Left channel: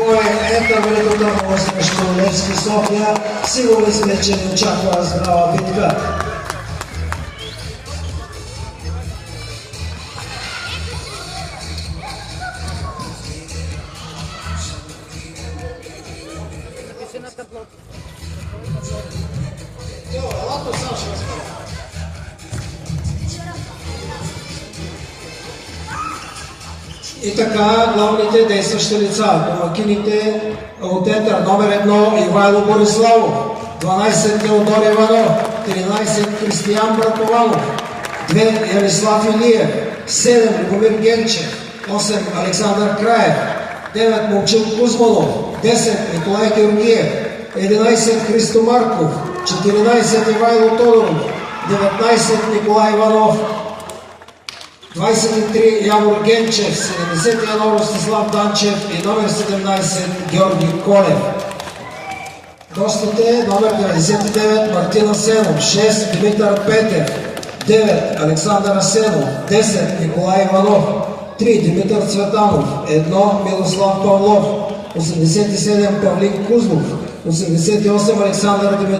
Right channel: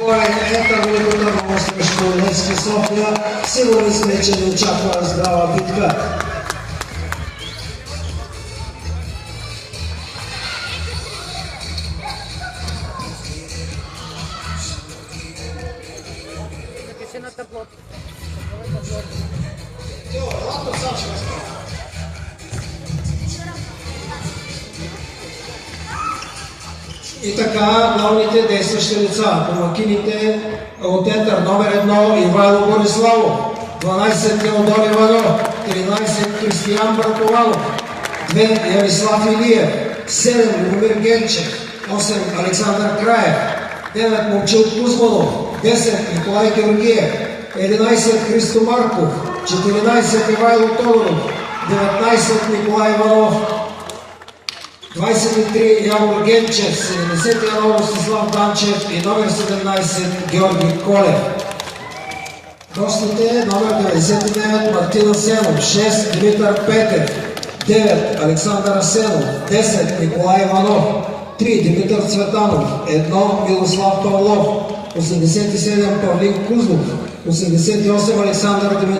бой Ета Велико Търново срещу Левски София. Сигурни сме, че ни очаква здрава битка. И така, главните действащи лица, домакините от Етър, номер 1 Ивайло Бориславов, 12 Теодор Иванов, 13 Кристиян Браковалов, 2 Ярислав Илиев, 7 Любомир Генчев, 8 Александър Краев, 9 Момчил Кузманов, 10 Николай Георгиев, 11 Христо Марков, 14 Ивайло Тодоров, 19 Николай Иванов, 23 Явор Генчев, 71 Ростислав Данчев и номер 17 Георги Колев. Гостите номер 99 Мартин Асенов, 6 Димитър Петев, 9 Александър Асенов, 10 Николай Иванов, 3 Димитър Цветанов, 1 Милослав Павлов, 87 Павлин Кузлов, 88 Александър Димитров.